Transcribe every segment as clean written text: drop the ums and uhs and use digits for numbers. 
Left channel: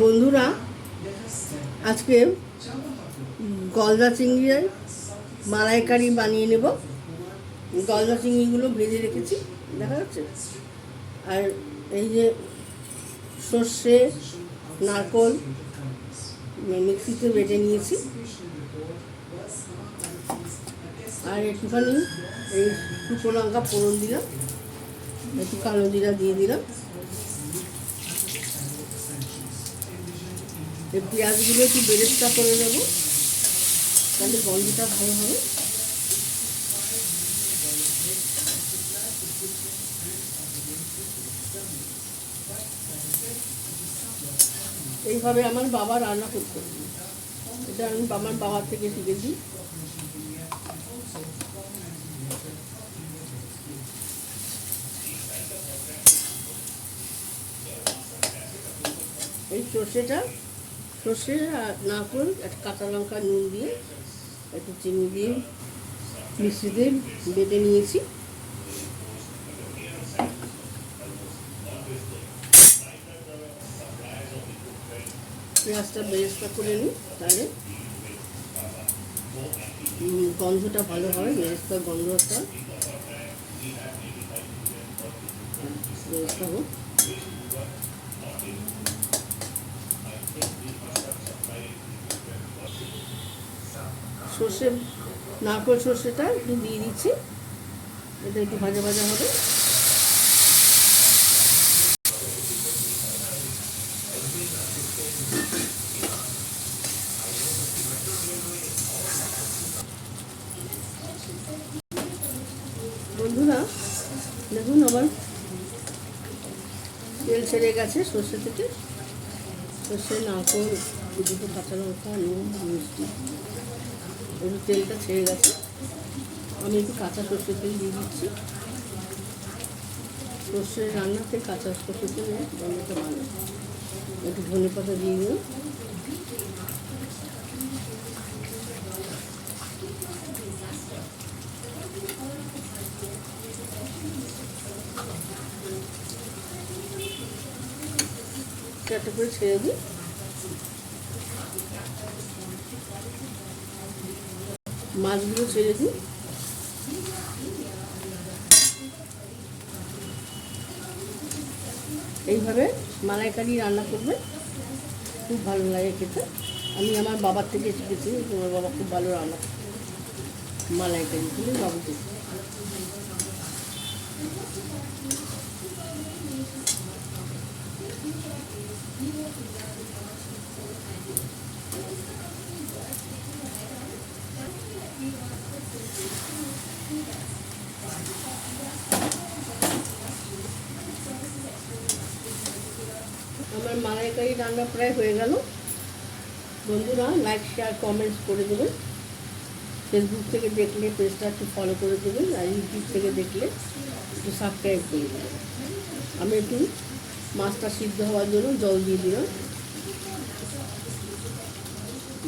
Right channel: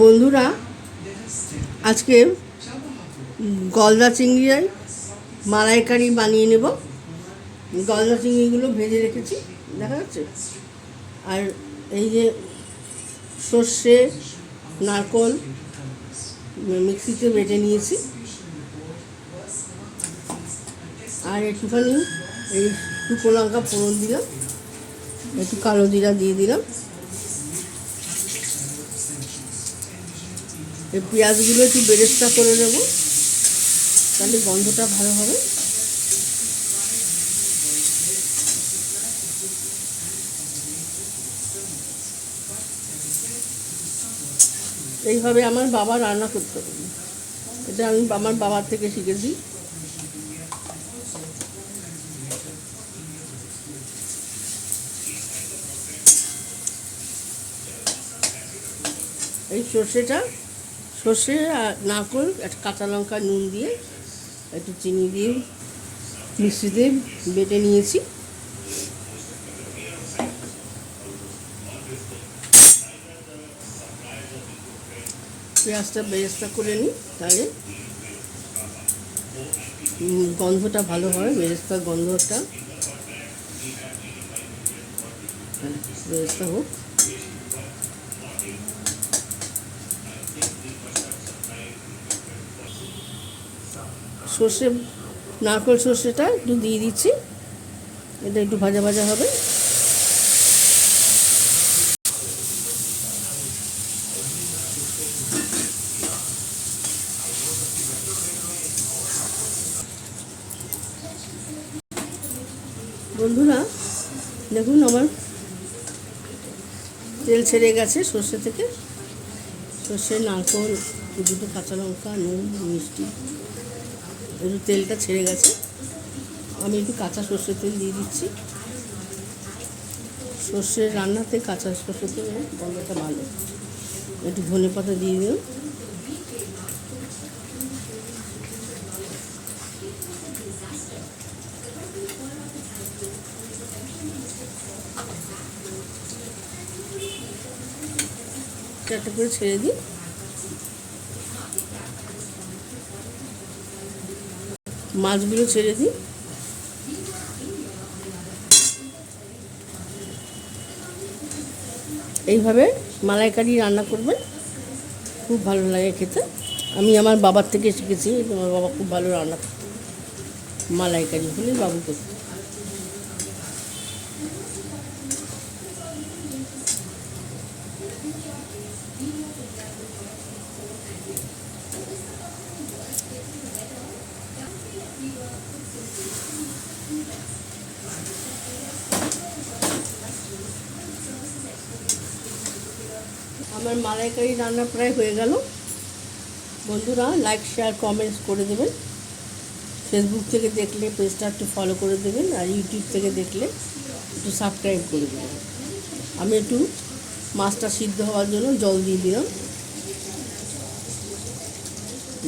বন্ধুরা, আজকে গলদা চিংড়ির মালাইকারি বানিয়ে নেব। গলদা চিংড়িগুলো ভেজে রেখেছি, দেখা যাচ্ছে। আর এই যে সর্ষে, নারকোল মিক্সিতে বেটে নিয়েছি। আর একটুখানি এই শুকনো লঙ্কা ফোড়ন দিলাম, একটু কালো জিরা দিয়ে দিলাম। এই পেঁয়াজগুলো একটু বেরেস্তা করে নেবো, তাহলে গন্ধটা ভালো হবে। এইভাবে আমার বাবা রান্না করতে হবে, এটা আমি আমার বাবার থেকে শিখেছি। এই সর্ষে আর নারকোল, একটা কাঁচা লঙ্কা, নুন দিয়ে একটু চিনি দিয়ে মিক্সিতে বেটে নিয়েছি। পেঁয়াজটা বেরেস্তা করে নিই, তাহলে গন্ধটা ভালো হয়। বেরেস্তার গন্ধটা বেরেস্তা হোক। সর্ষে, নারকোল সর্ষেটা একটু দিয়ে দিচ্ছি, এটা একটু ভাজা ভাজা হবে। বন্ধুরা দেখুন, আমার তেল ছেড়ে গেছে সর্ষে থেকে। সর্ষে, নারকোল, দুটো কাঁচা লঙ্কা, নুন, মিষ্টি, একটু তেলটা ছেড়ে গেছে। আমি একটু কাঁচা সর্ষের তেল দিয়ে দিচ্ছি। সর্ষের রান্নাতে কাঁচা সর্ষের তেল গন্ধটা ভালো। একটু ধনে পাতা দিয়ে দিলাম। একটা করে ছেড়ে দিই। মাছগুলো ছেড়ে দিই। এইভাবে মালাইকারি রান্না করবেন, খুব ভালো লাগে খেতে। আমি আমার বাবার থেকে শিখেছি। তোমার বাবা খুব ভালো রান্না করে মালাইকারি, বলে বাবুকে। আমার মালাইকারি রান্না প্রায় হয়ে গেল। বন্ধুরা, লাইক, শেয়ার, কমেন্টস করে দেবেন। ফেসবুক থেকে দেখলে পেজটা একটু ফলো করে দেবেন, আর ইউটিউব থেকে দেখলে একটু সাবস্ক্রাইব করে দেবেন। আমি একটু মাছটা সিদ্ধ হওয়ার জন্য জল দিয়ে দিলাম।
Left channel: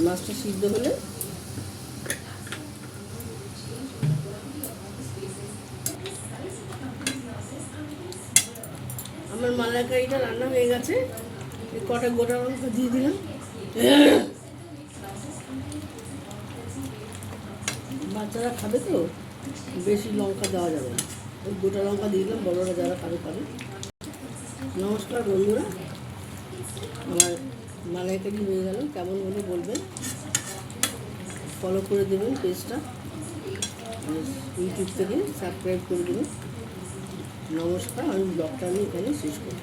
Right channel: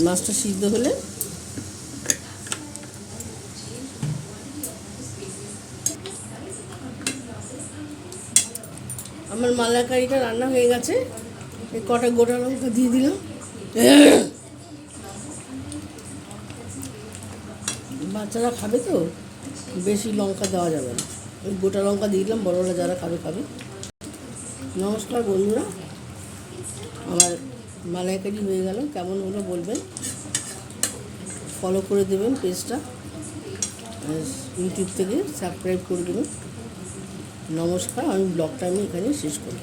মাছটা সিদ্ধ হলে আমার মালাইকারিটা রান্না হয়ে গেছে। কটা গোটা লঙ্কা দিয়ে দিলাম। বাচ্চারা খাবে তো, বেশি লঙ্কা দেওয়া যাবে না। ওই গোটা লঙ্কা দিয়ে দিলাম, বড়রা যারা খাবে খাবে। নমস্কার বন্ধুরা, আমার মালাইকারি হয়ে গেল। কেমন হলো বলবেন, ফলো করে দেবেন পেজটা, ইউটিউব থেকে সাবস্ক্রাইব করে দেবেন। নমস্কার, আমি ব্লগটা এখানে শেষ করি।